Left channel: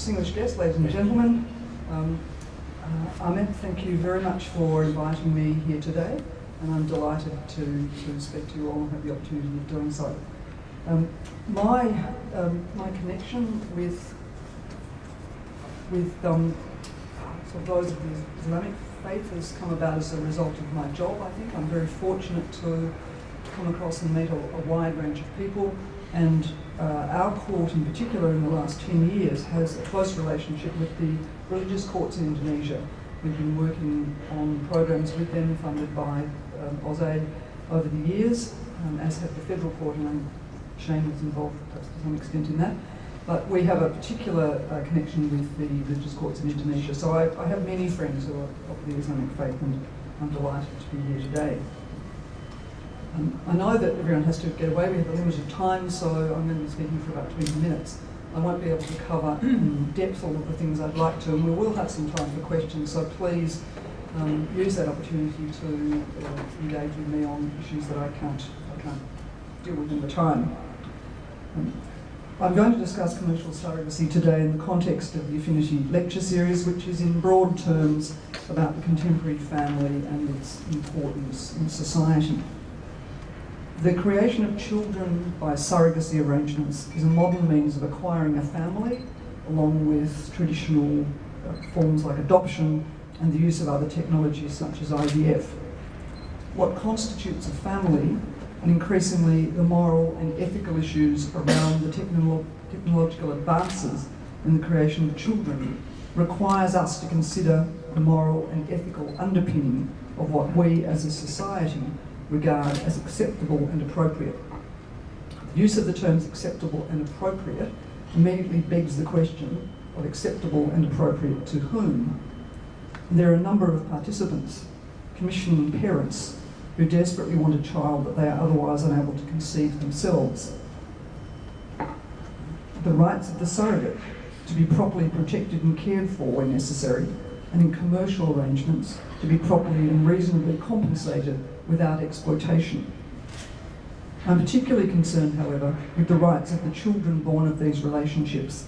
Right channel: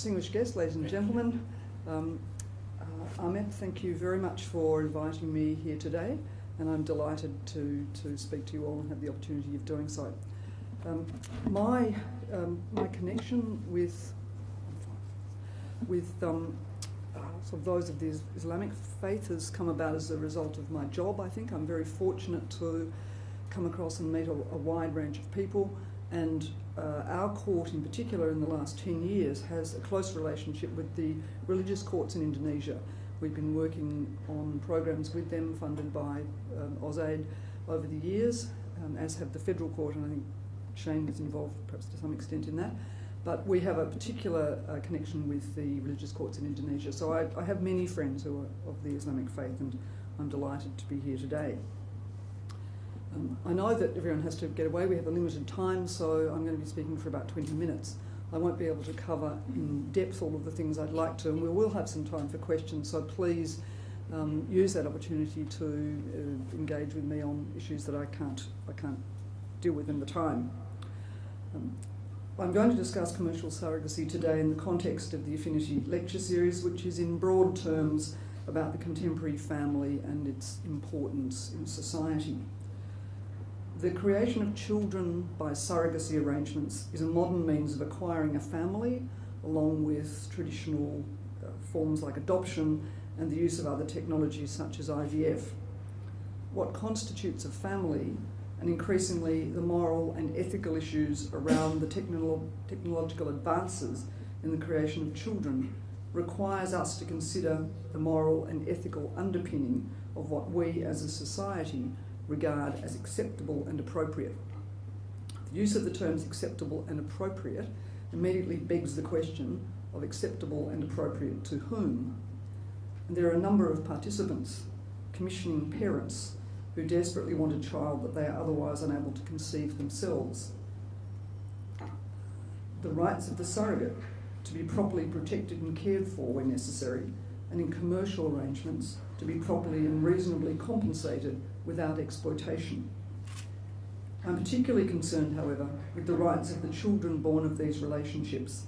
distinguished guests, ladies and gentlemen. Ahmed, thank you very much for inviting me here today, and I'm delighted to speak to you all and have the opportunity of doing so. My connection with sort of those of the Islamic faith has come about as a result of my job, I think. I'm very fortunate to come across and meet a wide range of people, and our court in particular in the last 10 years has a close relationship with the religious courts in Indonesia. We've been working on programs with them funded by AusAid over the years, as have the federal court, and Shane is involved to some extent in that. But we have a particular connection with the religious courts in Indonesia. So I have many friends who are of the Islamic faith, and I'm delighted to be here today. I know that everyone has to get away. We have a limited time, so I'm going to be speaking for about 20 minutes. I won't be able to cover in depth all of the things I'd like to, and we will have some time for questions, so please use that opportunity to engage with me on issues that I can't deal with in the time. I'm going to discuss commercial surrogacy today in the context of the Affinity lecture series, which is in broad terms about the contemporary family and its importance in society. The creation of children by surrogacy arrangements is a modern means of acquiring a family, along with traditional forms like adoption and the use of other technologies such as IVF. What constitutes a family, and increasingly the moral and ethical issues around the technological advances in the creation of children, requires us to consider the moral and ethical underpinning of what we as a society regard as acceptable and appropriate. The use of the terms acceptable and appropriate immediately begs the question of acceptable and appropriate to whom. And there are a number of participants, commissioning parents, who desperately want a child that they are otherwise unable to conceive themselves. The rights of the surrogate to be properly protected and cared for where necessary, and in commercial arrangements to be properly and reasonably compensated without exploitation. I'm particularly concerned, however, with the rights of the children born of these relationships,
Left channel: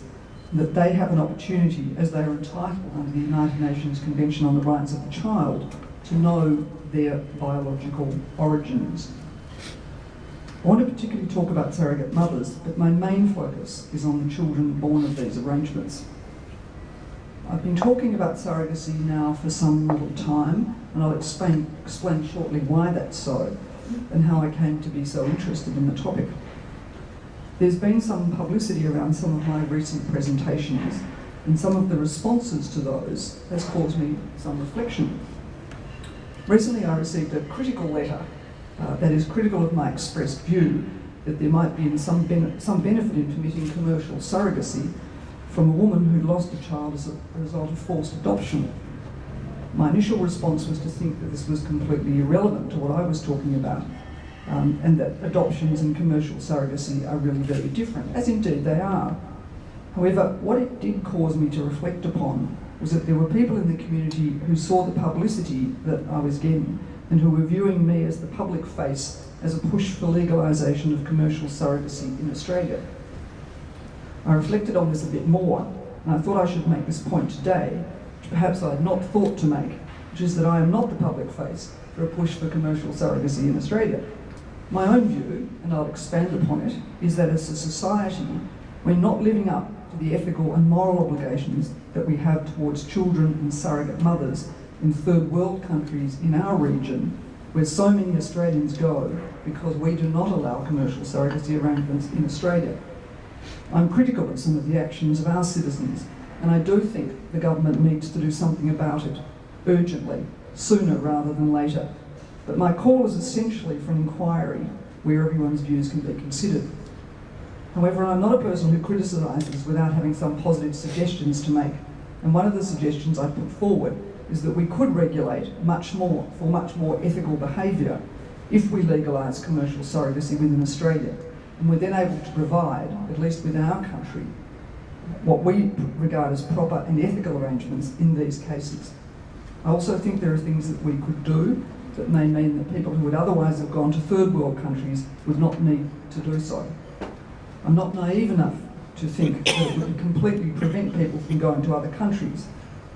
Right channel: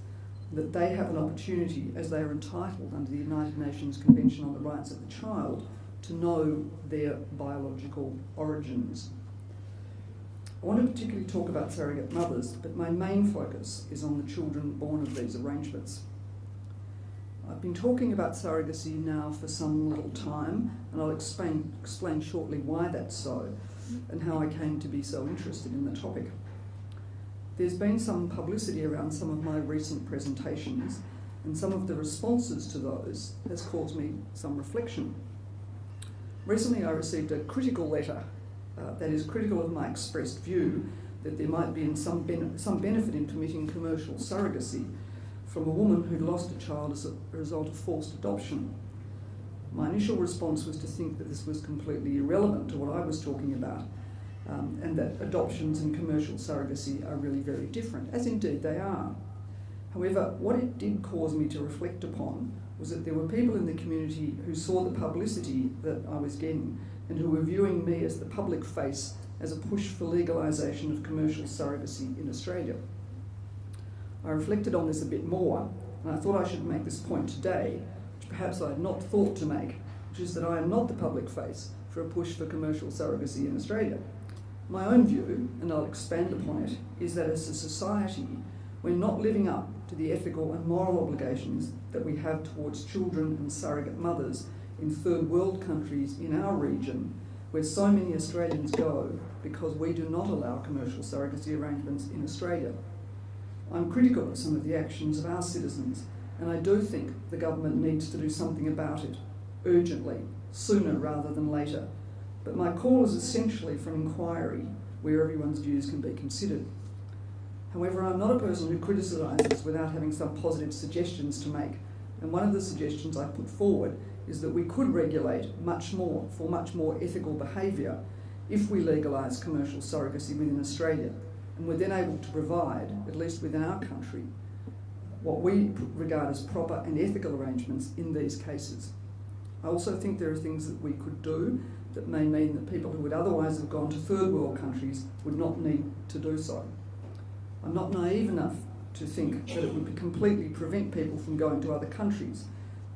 and that they have an opportunity, as they are entitled under the United Nations Convention on the Rights of the Child, to know their biological origins. I want to particularly talk about surrogate mothers, but my main focus is on the children born of these arrangements. I've been talking about surrogacy now for some little time, and I'll explain shortly why that's so, and how I came to be so interested in the topic. There's been some publicity around some of my recent presentations, and some of the responses to those has caused me some reflection. Recently I received a critical letter that is critical of my expressed view that there might be some benefit in permitting commercial surrogacy from a woman who lost a child as a result of forced adoption. My initial response was to think that this was completely irrelevant to what I was talking about, and that adoptions and commercial surrogacy are really very different, as indeed they are. However, what it did cause me to reflect upon was that there were people in the community who saw the publicity that I was getting and who were viewing me as the public face as a push for legalisation of commercial surrogacy in Australia. I reflected on this a bit more, and I thought I should make this point today, which perhaps I had not thought to make, which is that I am not the public face for a push for commercial surrogacy in Australia. My own view, and I'll expand upon it, is that as a society, we're not living up to the ethical and moral obligations that we have towards children and surrogate mothers in third world countries in our region, where so many Australians go because we do not allow commercial surrogacy arrangements in Australia. I'm critical of some of the actions of our citizens, and I do think the government needs to do something about it, urgently, sooner rather than later. But my call is essentially for an inquiry where everyone's views can be considered. However, I'm not a person who criticises without having some positive suggestions to make, and one of the suggestions I put forward is that we could regulate much more ethical behaviour if we legalise commercial surrogacy within Australia, and we're then able to provide, at least within our country, what we regard as proper and ethical arrangements in these cases. I also think there are things that we could do that may mean that people who would otherwise have gone to third world countries would not need to do so. I'm not naive enough to think that it would completely prevent people from going to other countries,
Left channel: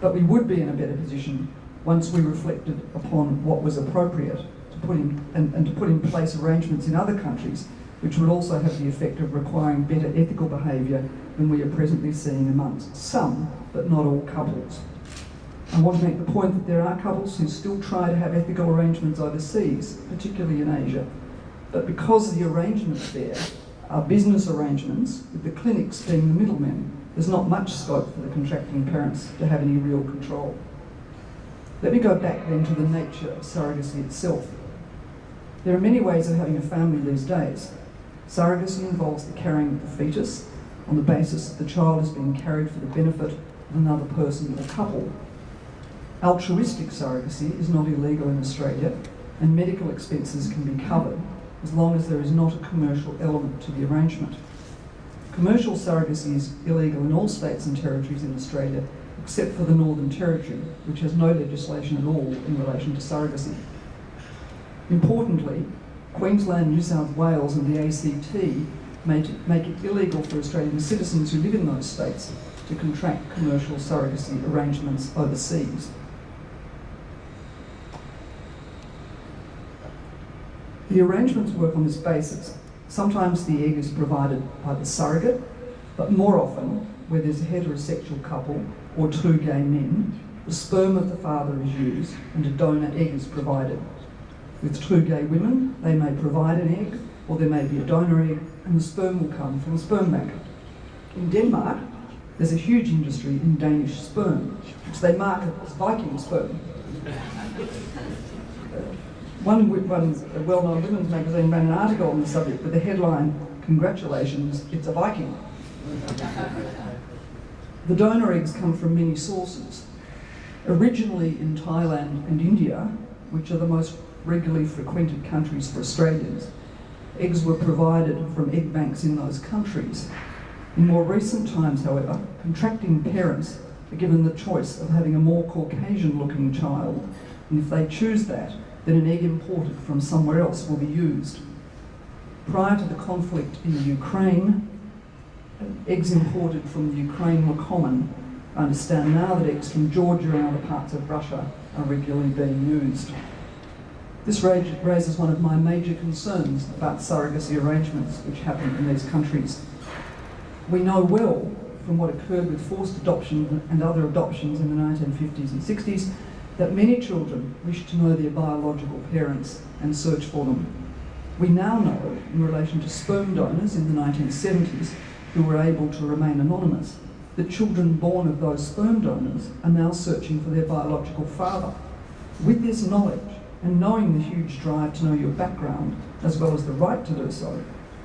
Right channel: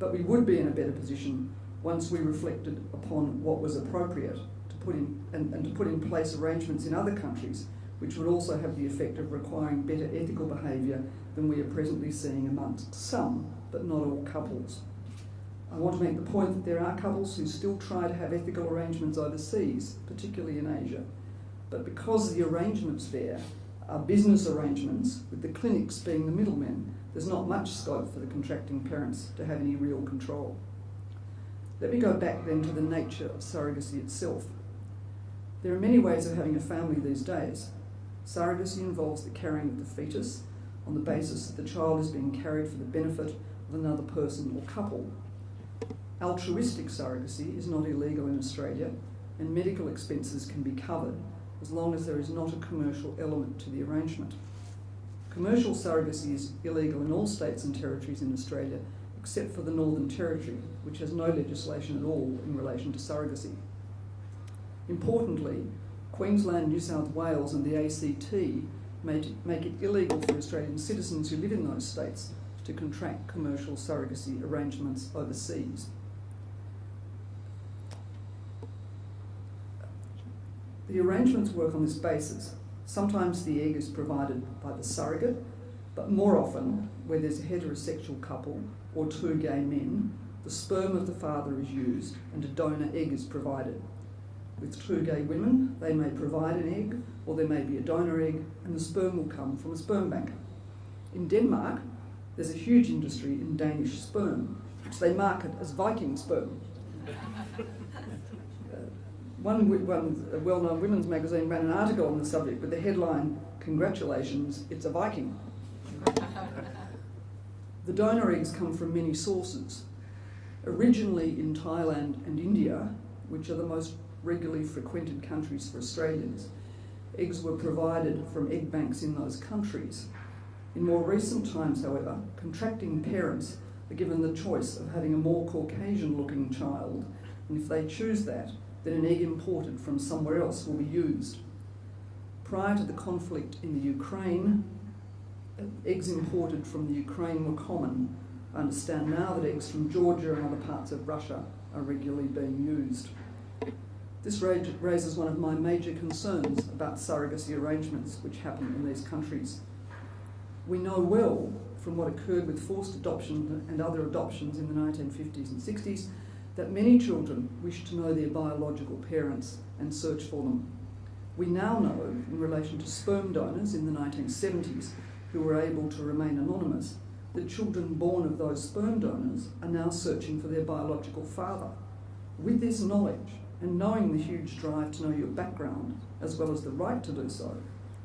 but we would be in a better position once we reflected upon what was appropriate to put in, and to put in place arrangements in other countries which would also have the effect of requiring better ethical behaviour than we are presently seeing amongst some, but not all couples. I want to make the point that there are couples who still try to have ethical arrangements overseas, particularly in Asia, but because the arrangements there are business arrangements, with the clinics being the middlemen, there's not much scope for the contracting parents to have any real control. Let me go back then to the nature of surrogacy itself. There are many ways of having a family these days. Surrogacy involves the carrying of the fetus on the basis that the child is being carried for the benefit of another person or couple. Altruistic surrogacy is not illegal in Australia, and medical expenses can be covered as long as there is not a commercial element to the arrangement. Commercial surrogacy is illegal in all states and territories in Australia, except for the Northern Territory, which has no legislation at all in relation to surrogacy. Importantly, Queensland, New South Wales and the ACT make it illegal for Australian citizens who live in those states to contract commercial surrogacy arrangements overseas. The arrangements work on this basis. Sometimes the egg is provided by the surrogate, but more often, where there's a heterosexual couple or two gay men, the sperm of the father is used and a donor egg is provided. With two gay women, they may provide an egg, or there may be a donor egg, and the sperm will come from a sperm bank. In Denmark, there's a huge industry in Danish sperm, which they market as Viking sperm. One well-known women's magazine ran an article on the subject with the headline, "Congratulations, it's a Viking." The donor eggs come from many sources. Originally in Thailand and India, which are the most regularly frequented countries for Australians, eggs were provided from egg banks in those countries. In more recent times, however, contracting parents are given the choice of having a more Caucasian-looking child, and if they choose that, then an egg imported from somewhere else will be used. Prior to the conflict in the Ukraine, eggs imported from the Ukraine were common. I understand now that eggs from Georgia and other parts of Russia are regularly being used. This raises one of my major concerns about surrogacy arrangements which happen in these countries. We know well from what occurred with forced adoption and other adoptions in the 1950s and 60s that many children wish to know their biological parents and search for them. We now know, in relation to sperm donors in the 1970s who were able to remain anonymous, that children born of those sperm donors are now searching for their biological father. With this knowledge, and knowing the huge drive to know your background, as well as the right to do so,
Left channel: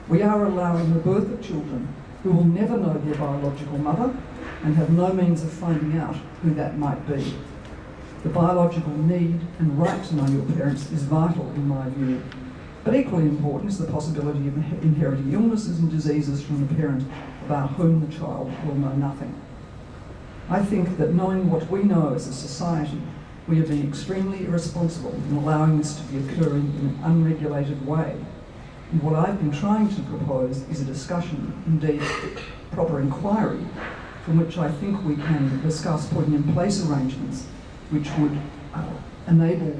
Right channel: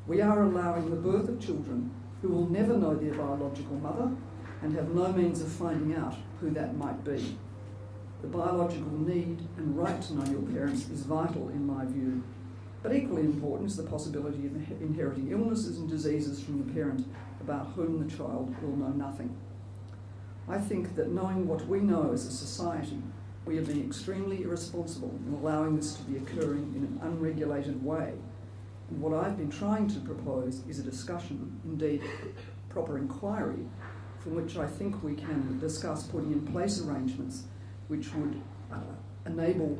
we are allowing the birth of children who will never know their biological mother and have no means of finding out who that might be. The biological need and right to know your parents is vital in my view, but equally important is the possibility of inheriting illnesses and diseases from the parent about whom the child will know nothing. I think that knowing what we know as a society, we have been extremely irresponsible in allowing this to be occurring in an unregulated way. And what I've been trying to propose is a discussion, indeed proper inquiry, from which I think we can discuss putting in place arrangements which would enable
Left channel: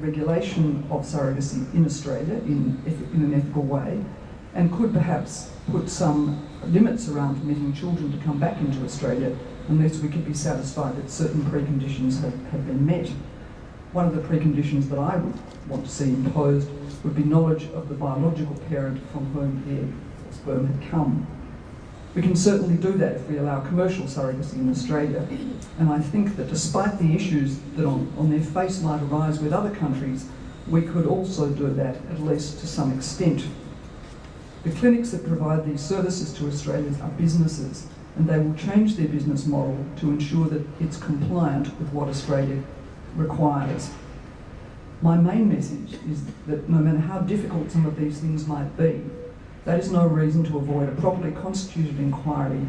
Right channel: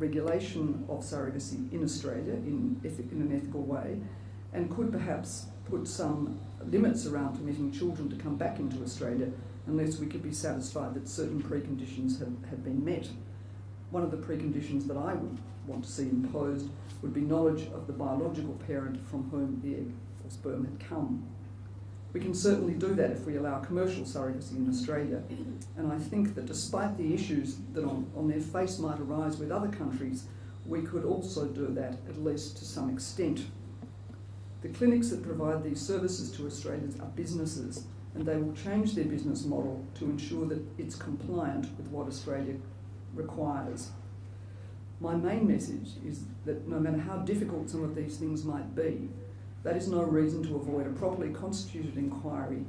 regulation of surrogacy in Australia in an ethical way, and could perhaps put some limits around permitting children to come back into Australia unless we could be satisfied that certain preconditions have been met. One of the preconditions that I would want to see imposed would be knowledge of the biological parent from whom the sperm had come. We can certainly do that if we allow commercial surrogacy in Australia, and I think that despite the issues that on their face might arise with other countries, we could also do that, at least to some extent. The clinics that provide these services to Australians are businesses, and they will change their business model to ensure that it's compliant with what Australia requires. My main message is that no matter how difficult some of these things might be, that is no reason to avoid a properly constituted inquiry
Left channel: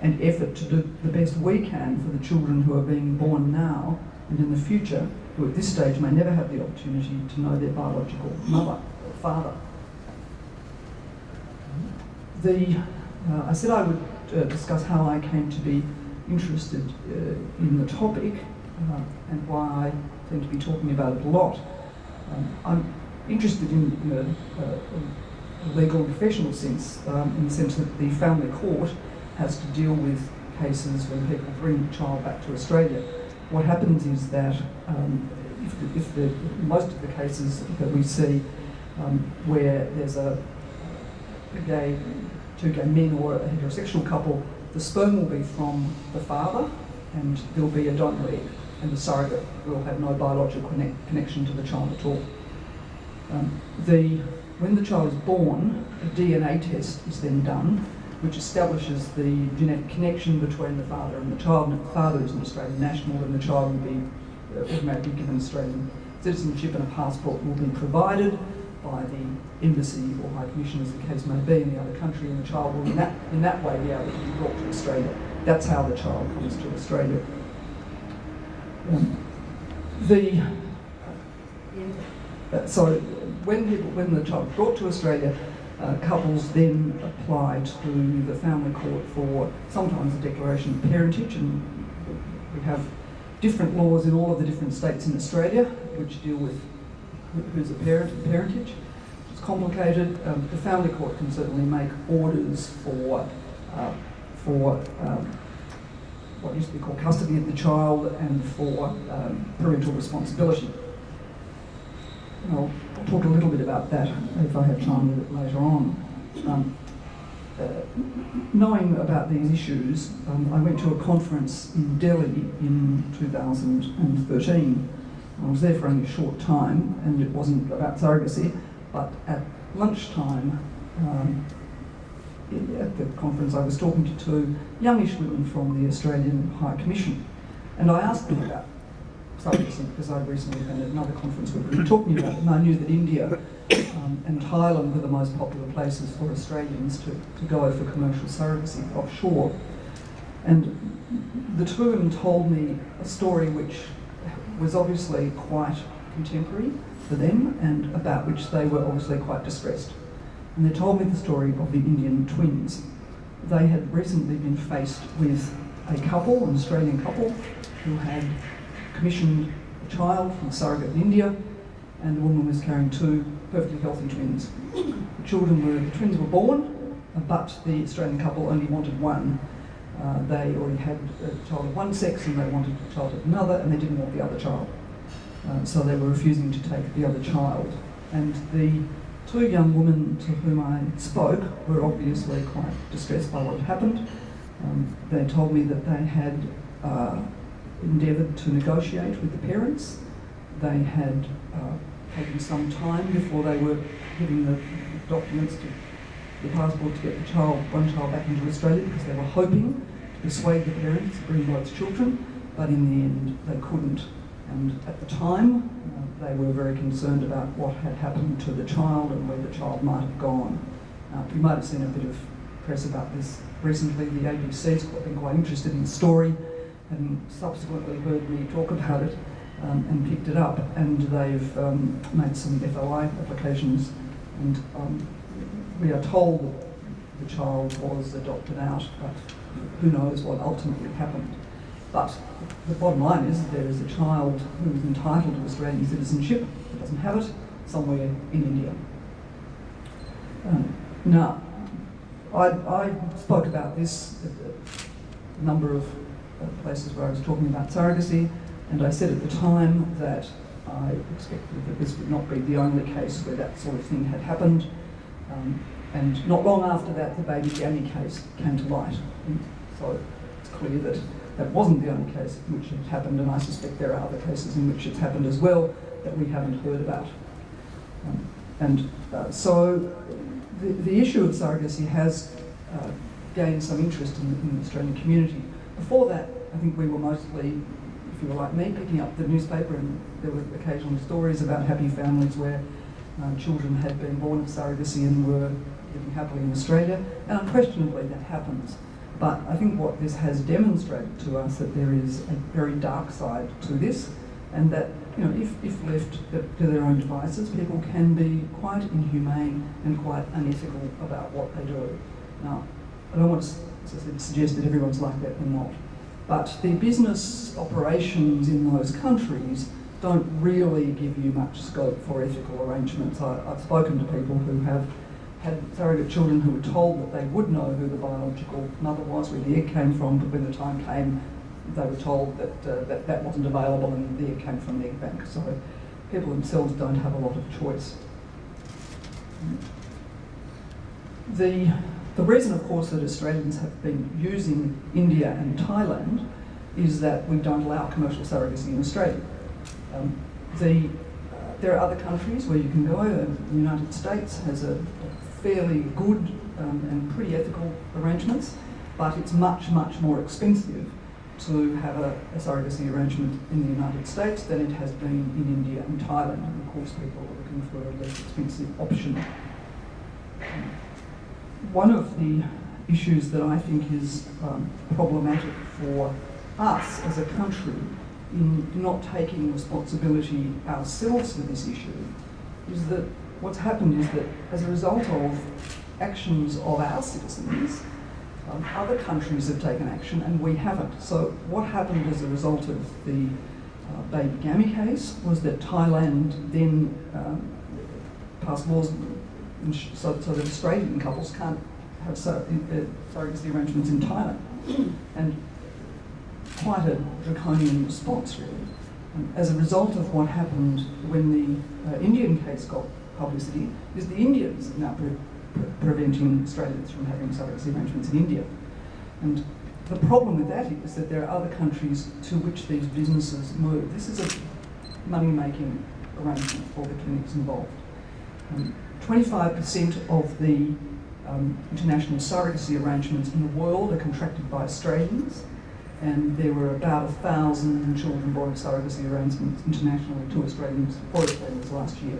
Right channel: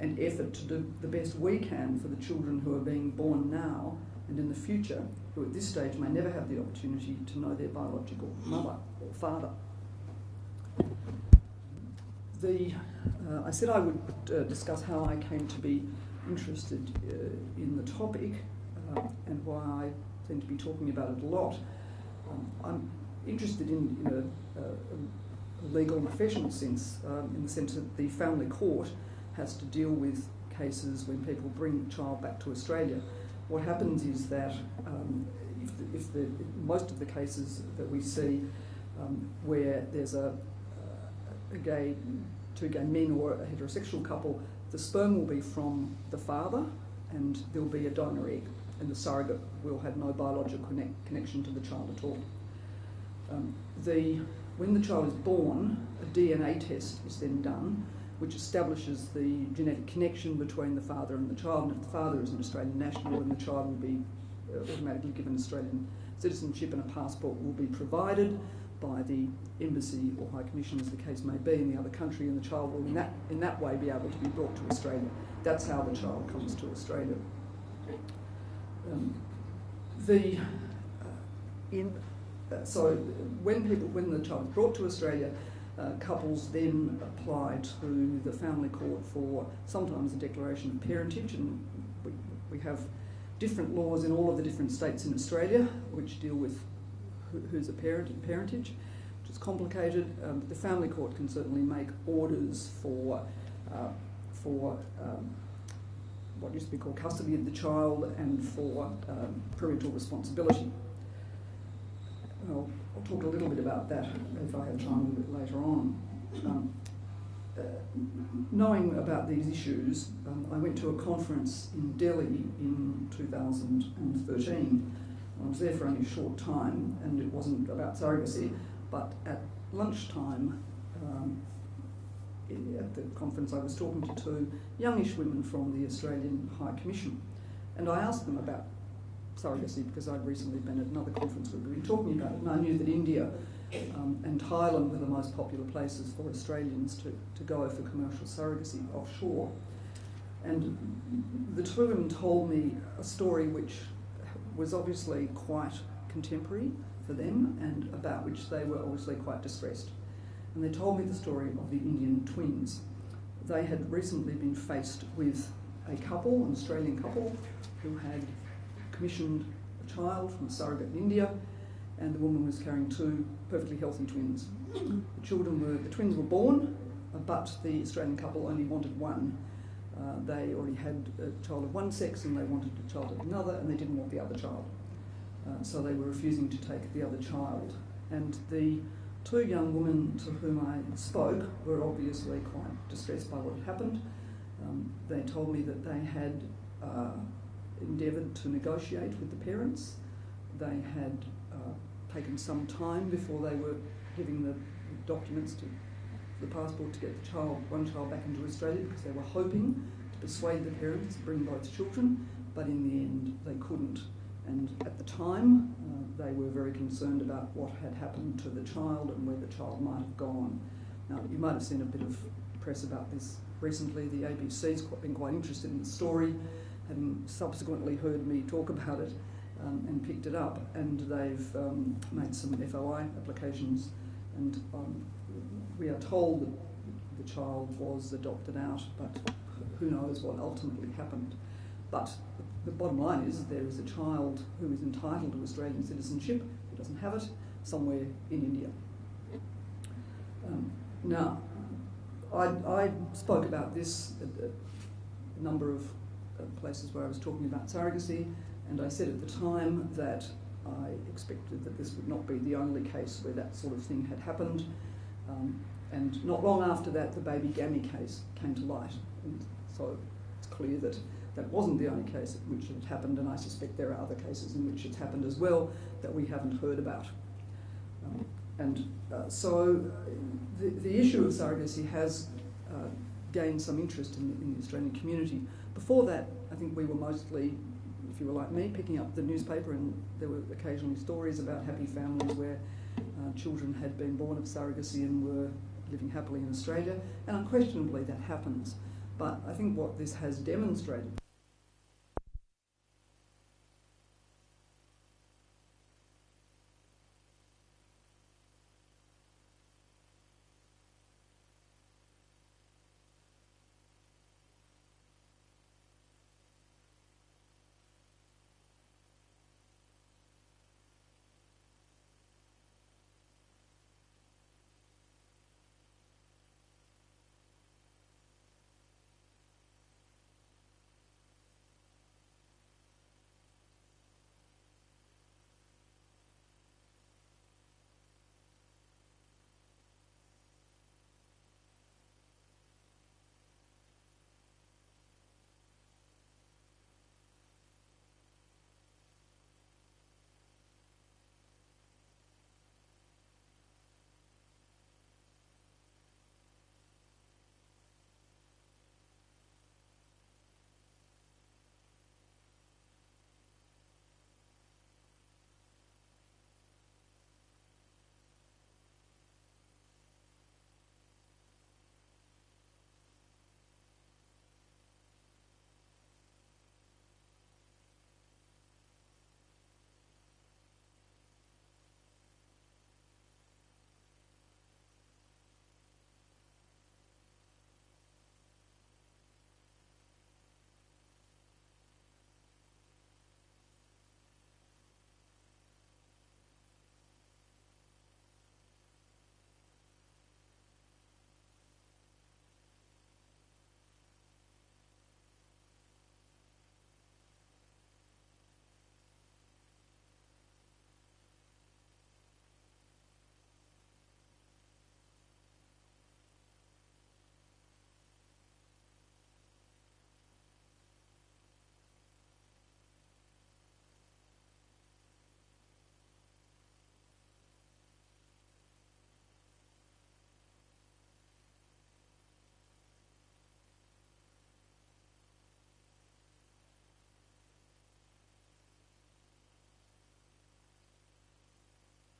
and effort to do the best we can for the children who are being born now and in the future, who at this stage may never have the opportunity to know their biological mother or father. I said I would discuss how I came to be interested in the topic and why I tend to be talking about it a lot. I'm interested in a legal and professional sense, in the sense that the family court has to deal with cases when people bring a child back to Australia. What happens is that most of the cases that we see where there's two gay men or a heterosexual couple, the sperm will be from the father and there'll be a donor egg, and the surrogate will have no biological connection to the child at all. When the child is born, a DNA test is then done, which establishes the genetic connection between the father and the child. And if the father is an Australian national, then the child will be automatically given Australian citizenship, and a passport will be provided by the embassy or high commission, as the case may be, in the other country, and the child will in that way be able to be brought to Australia. That's how the child comes to Australia. So when the child is brought to Australia, couples then apply to the family court for sometimes a declaration of parentage, and we have different laws in all of the different states in Australia which deal with who's a parent and parentage. It's complicated. The family court can certainly make orders for what used to be called custody of the child and for parental responsibility. I'll talk a little bit about that if I have time a bit later on. Knowing about these issues, I went to a conference in Delhi in 2013. I was there for only a short time, and it wasn't about surrogacy, but at lunchtime at the conference I was talking to two youngish women from the Australian High Commission, and I asked them about surrogacy because I'd recently been at another conference where we were talking about it, and I knew that India and Thailand were the most popular places for Australians to go for commercial surrogacy offshore. And the two of them told me a story which was obviously quite contemporary for them and about which they were obviously quite distressed. And they told me the story of the Indian twins. They had recently been faced with a couple, an Australian couple, who had commissioned a child from a surrogate in India, and the woman was carrying two perfectly healthy twins. The twins were born, but the Australian couple only wanted one. They already had a child of one sex and they wanted a child of another, and they didn't want the other child. So they were refusing to take the other child. And the two young women to whom I spoke were obviously quite distressed by what had happened. They told me that they had endeavoured to negotiate with the parents. They had taken some time before they were giving the documents to the passport to get one child back into Australia, because they were hoping to persuade the parents to bring both children, but in the end they couldn't. And at the time, they were very concerned about what had happened to the child and where the child might have gone. You might have seen a bit of press about this recently. The ABC's been quite interested in the story and subsequently heard me talk about it and picked it up, and they've made some FOI applications, and we are told that the child was adopted out, but who knows what ultimately happened. But the bottom line is that there is a child who is entitled to Australian citizenship, who doesn't have it, somewhere in India. Now, I spoke about this at a number of places where I was talking about surrogacy, and I said at the time that I expected that this would not be the only case where that sort of thing had happened. And not long after that, the baby Danny case came to light. And so it's clear that that wasn't the only case in which it happened, and I suspect there are other cases in which it's happened as well that we haven't heard about. So the issue of surrogacy has gained some interest in the Australian community. Before that, I think we were mostly, if you were like me, picking up the newspaper, and there were occasional stories about happy families where children had been born of surrogacy and were living happily in Australia, and unquestionably that happens. But I think what this has demonstrated to us that there is a very dark side to this, and that if left to their own devices, people can be quite inhumane and quite unethical about what they do. Now, I don't want to to suggest that everyone's like that, they're not. But the business operations in those countries don't really give you much scope for ethical arrangements. I've spoken to people who have had surrogate children who were told that they would know who the biological mother was, where the egg came from, but when the time came, they were told that that wasn't available and the egg came from the egg bank. So people themselves don't have a lot of choice. The reason, of course, that Australians have been using India and Thailand is that we don't allow commercial surrogacy in Australia. There are other countries where you can go. The United States has a fairly good and pretty ethical arrangements, but it's much, much more expensive to have a surrogacy arrangement in the United States than it has been in India and Thailand. And of course, people are looking for a less expensive option. One of the issues that I think is problematic for us as a country in not taking responsibility ourselves for this issue is that what's happened is that as a result of actions of our citizens, other countries have taken action and we haven't. So what happened as a result of the baby gammy case was that Thailand then passed laws so that Australian couples can't have surrogacy arrangements in Thailand. And quite a draconian response, really. As a result of what happened when the Indian case got publicity, is the Indians now preventing Australians from having surrogacy arrangements in India. And the problem with that is that there are other countries to which these businesses move. This is a money-making arrangement for the clinics involved. 25% of the international surrogacy arrangements in the world are contracted by Australians, and there were about 1,000 children born of surrogacy arrangements internationally for Australians last year.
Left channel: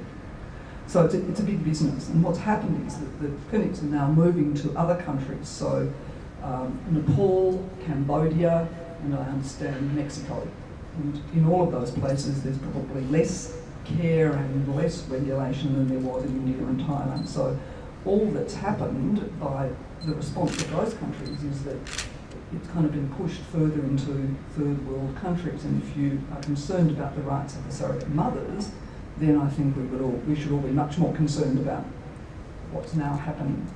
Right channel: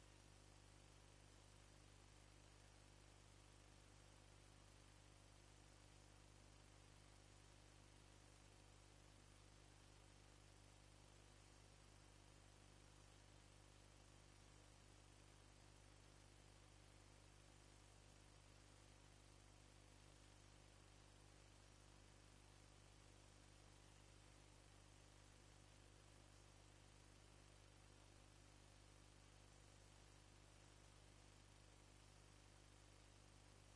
So it's a big business, and what's happened is that the clinics are now moving to other countries, so Nepal, Cambodia, and I understand Mexico. And in all of those places there's probably less care and less regulation than there was in India and Thailand. So all that's happened by the response of those countries is that it's kind of been pushed further into third world countries, and if you are concerned about the rights of the surrogate mothers, then I think we should all be much more concerned about what's now happening.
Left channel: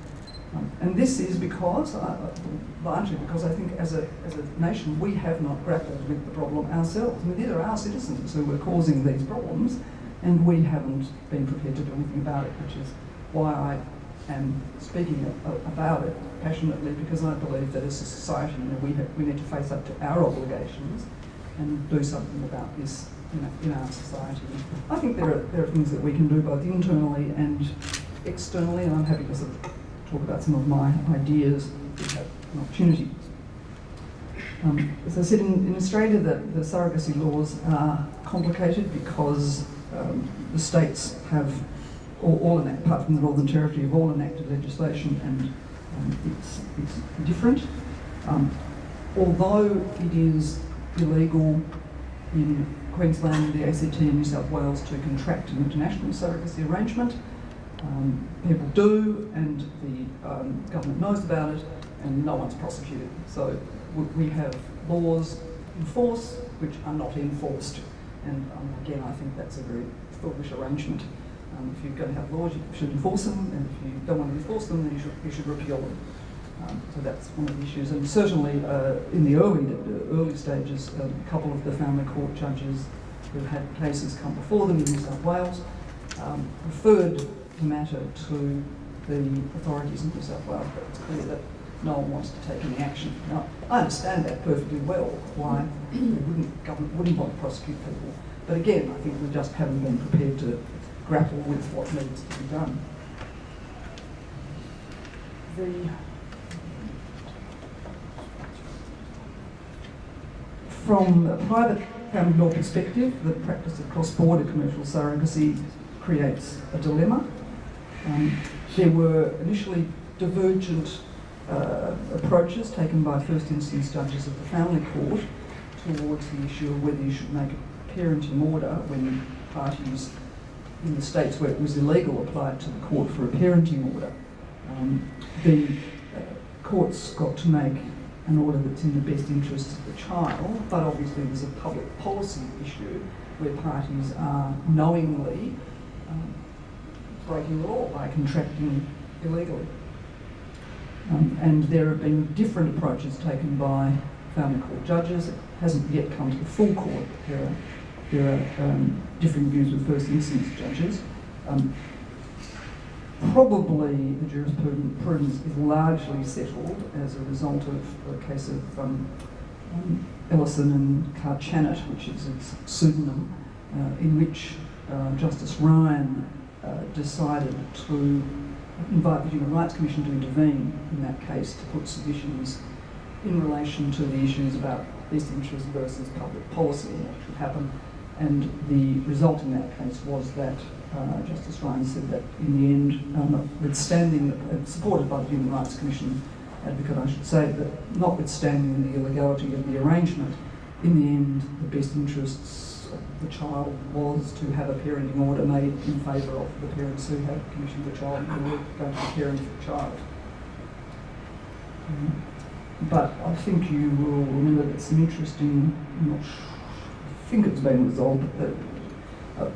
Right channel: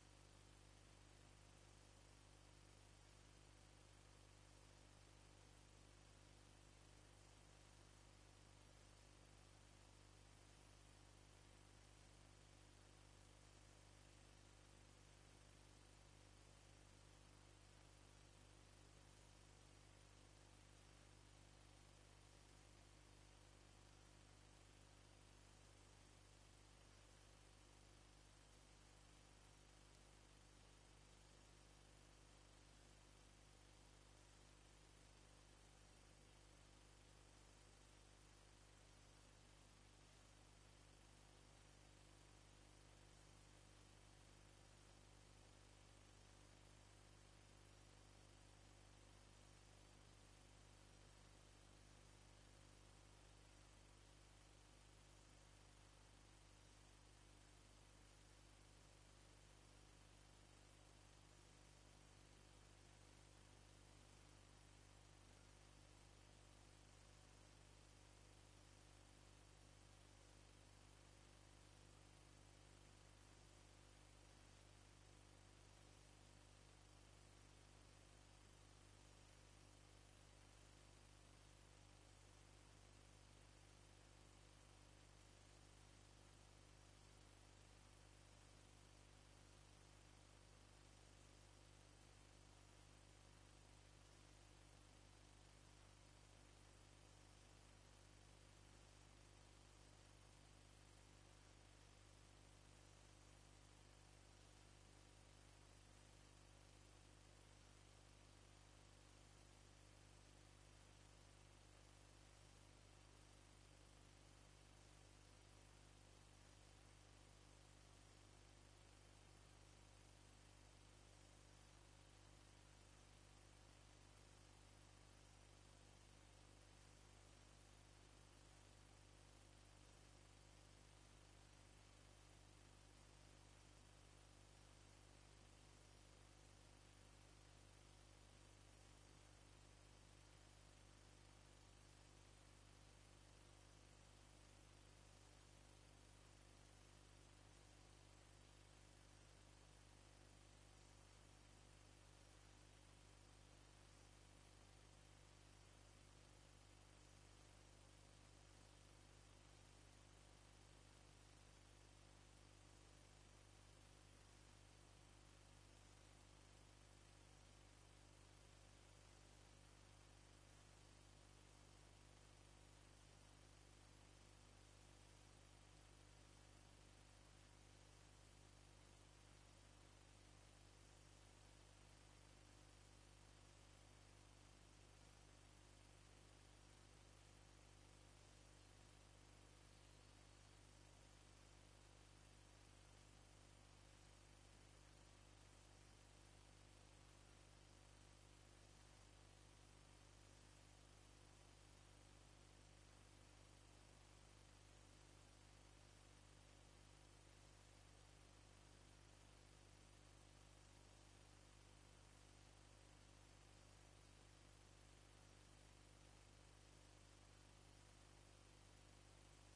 And this is because, largely because I think as a nation we have not grappled with the problem ourselves. I mean, these are our citizens who are causing these problems, and we haven't been prepared to do anything about it, which is why I am speaking about it passionately, because I believe that as a society, we need to face up to our obligations and do something about this in our society. I think there are things that we can do both internally and externally, and I'm happy to sort of talk about some of my ideas if we have an opportunity. As I said, in Australia, the surrogacy laws are complicated because the states have all enacted, apart from the Northern Territory, have all enacted legislation, and it's different. Although it is illegal in Queensland, the ACT and New South Wales to contract an international surrogacy arrangement, people do, and the government knows about it, and no one's prosecuted. So we have laws in force which are not enforced, and again, I think that's a very foolish arrangement. If you're going to have laws, you should enforce them, and if you don't want to enforce them, then you should repeal them. So that's one of the issues. And certainly in the early stages, a couple of the family court judges who had cases come before them in New South Wales referred the matter to the authorities in New South Wales, but it's clear that no one wants to take any action. Now, I understand that perfectly well, why the government wouldn't want to prosecute people. But again, I think we just haven't been prepared to grapple with what needs to be done. From a private family law perspective, the practice of cross-border commercial surrogacy creates a dilemma. There were initially divergent approaches taken by first instance judges of the family court towards the issue of whether you should make a parenting order when parties in the states where it was illegal applied to the court for a parenting order. The court's got to make an order that's in the best interests of the child, but obviously there's a public policy issue where parties are knowingly breaking the law by contracting illegally. And there have been different approaches taken by family court judges. It hasn't yet come to the full court. There are differing views with first instance judges. Probably the jurisprudence is largely settled as a result of a case of Ellison and Carchanet, which is its pseudonym, in which Justice Ryan decided to invite the Human Rights Commission to intervene in that case to put submissions in relation to the issues about best interest versus public policy and what should happen. And the result in that case was that Justice Ryan said that in the end, notwithstanding, supported by the Human Rights Commission advocate, I should say, that notwithstanding the illegality of the arrangement, in the end, the best interests of the child was to have a parenting order made in favour of the parents who had commissioned the child and who were going to be caring for the child. But I think you will remember that some interesting, I think it's been resolved, but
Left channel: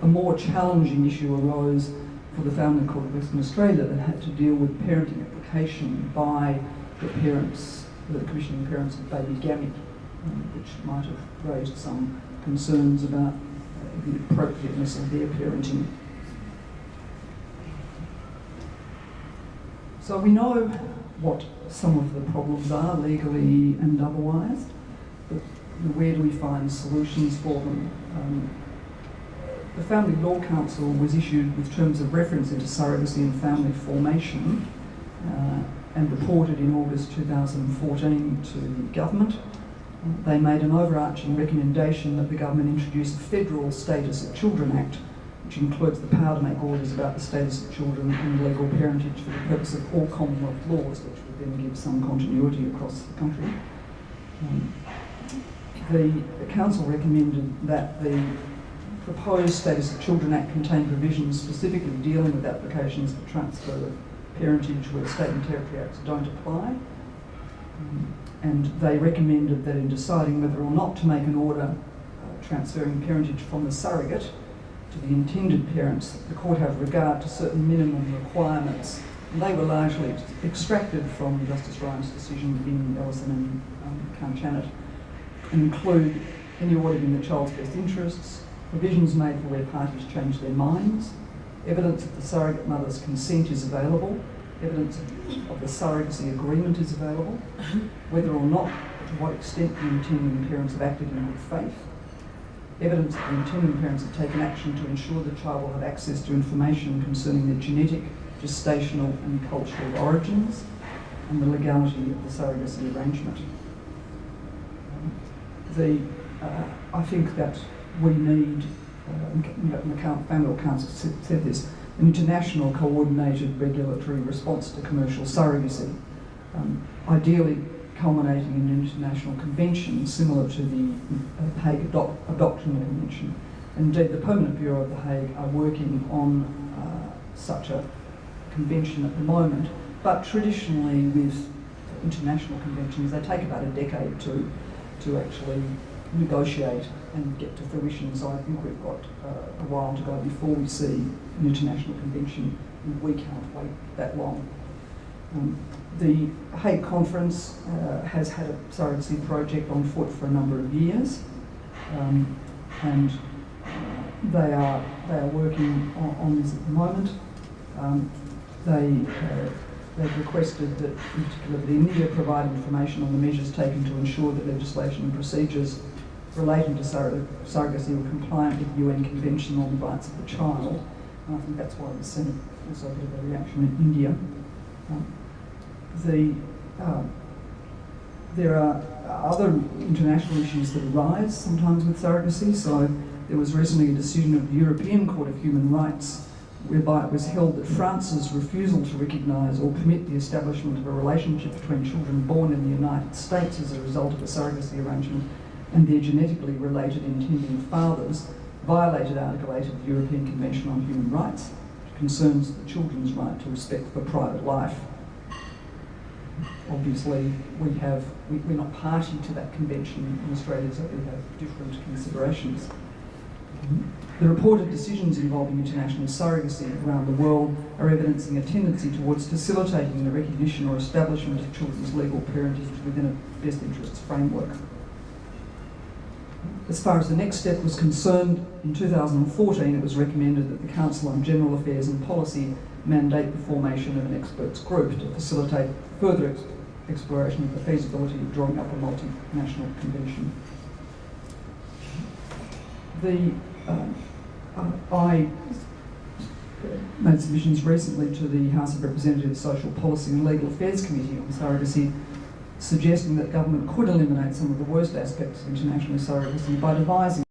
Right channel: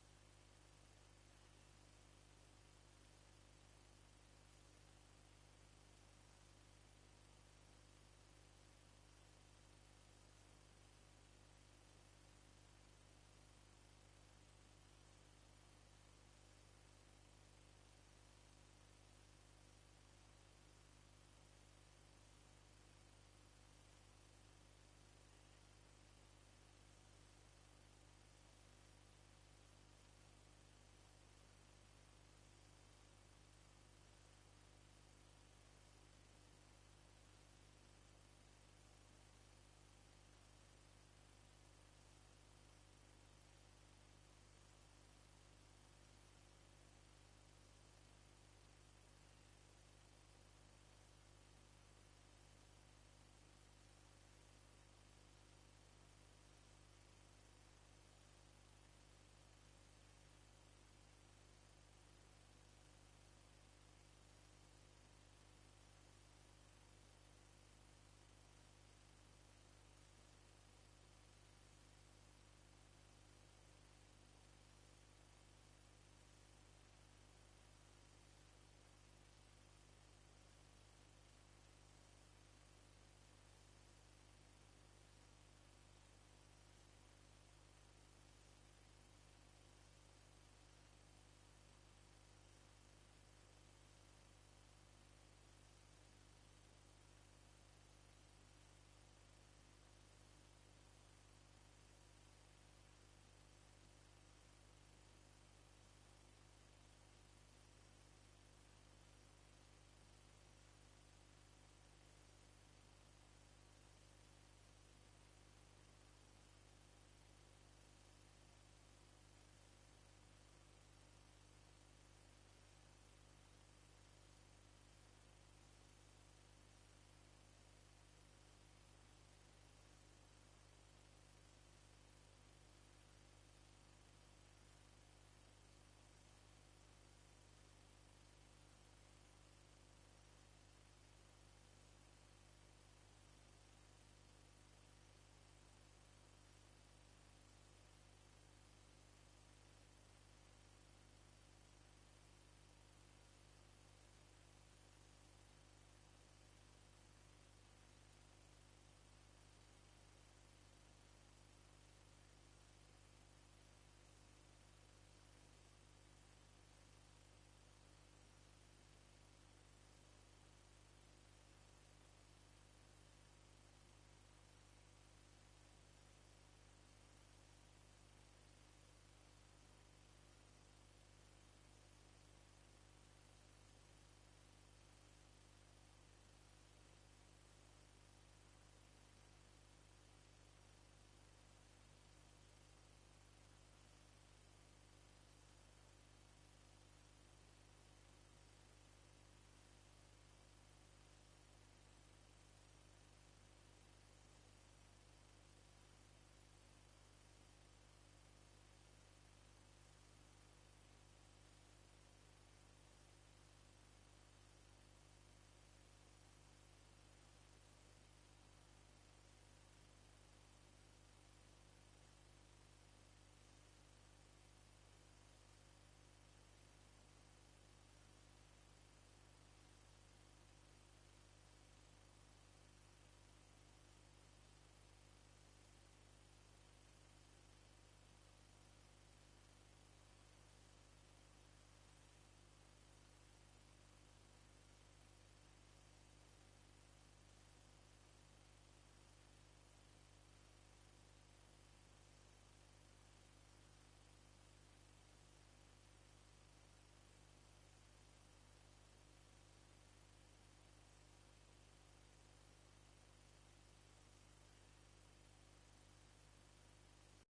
a more challenging issue arose for the Family Court of Western Australia that had to deal with parenting application by the parents, the commissioning parents of baby gamete, which might have raised some concerns about the appropriateness of their parenting. So we know what some of the problems are, legally and otherwise, but where do we find solutions for them? The Family Law Council was issued with terms of reference into surrogacy and family formation and reported in August 2014 to the government. They made an overarching recommendation that the government introduce a Federal Status of Children Act, which includes the power to make orders about the status of children and legal parentage for the purpose of all Commonwealth laws, which would then give some continuity across the country. The Council recommended that the proposed Status of Children Act contained provisions specifically dealing with applications for transfer of parentage where state and territory acts don't apply. And they recommended that in deciding whether or not to make an order transferring parentage from the surrogate to the intended parents, the court have regard to certain minimum requirements. And they were largely extracted from Justice Ryan's decision in Ellison and Carchanet, and include any order in the child's best interests, provisions made for where parties change their minds, evidence that the surrogate mother's consent is available, evidence of the surrogacy agreement is available, whether or not, to what extent the intending parents have acted in good faith, evidence that the intending parents have taken action to ensure the child will have access to information concerning their genetic, gestational and cultural origins, and the legality of the surrogacy arrangement. I think that we need, the Family Law Council said this, an international coordinated regulatory response to commercial surrogacy, ideally culminating in an international convention similar to the Hague Adoption Convention. Indeed, the Permanent Bureau of The Hague are working on such a convention at the moment, but traditionally with international conventions, they take about a decade to actually negotiate and get to fruition. So I think we've got a while to go before we see an international convention, and we can't wait that long. The Hague Conference has had a surrogacy project on foot for a number of years, and they are working on this at the moment. They've requested that, in particular, that India provide information on the measures taken to ensure that legislation and procedures relating to surrogacy were compliant with the UN Convention on the Rights of the Child. And I think that's why the Senate also gave a reaction in India. There are other international issues that arise sometimes with surrogacy. So there was recently a decision of the European Court of Human Rights whereby it was held that France's refusal to recognise or permit the establishment of a relationship between children born in the United States as a result of a surrogacy arrangement and their genetically related intending fathers violated Article 8 of the European Convention on Human Rights, which concerns the children's right to respect for private life. obviously we're not party to that convention in Australia, so we have different considerations. The reported decisions involving international surrogacy around the world are evidencing a tendency towards facilitating the recognition or establishment of children's legal parentage within a best interests framework. As far as the next step was concerned, in 2014 it was recommended that the Council on General Affairs and Policy mandate the formation of an experts group to facilitate further exploration of the feasibility of drawing up a multinational convention. I made submissions recently to the House of Representatives Social Policy and Legal Affairs Committee on surrogacy, suggesting that government could eliminate some of the worst aspects of international surrogacy by devising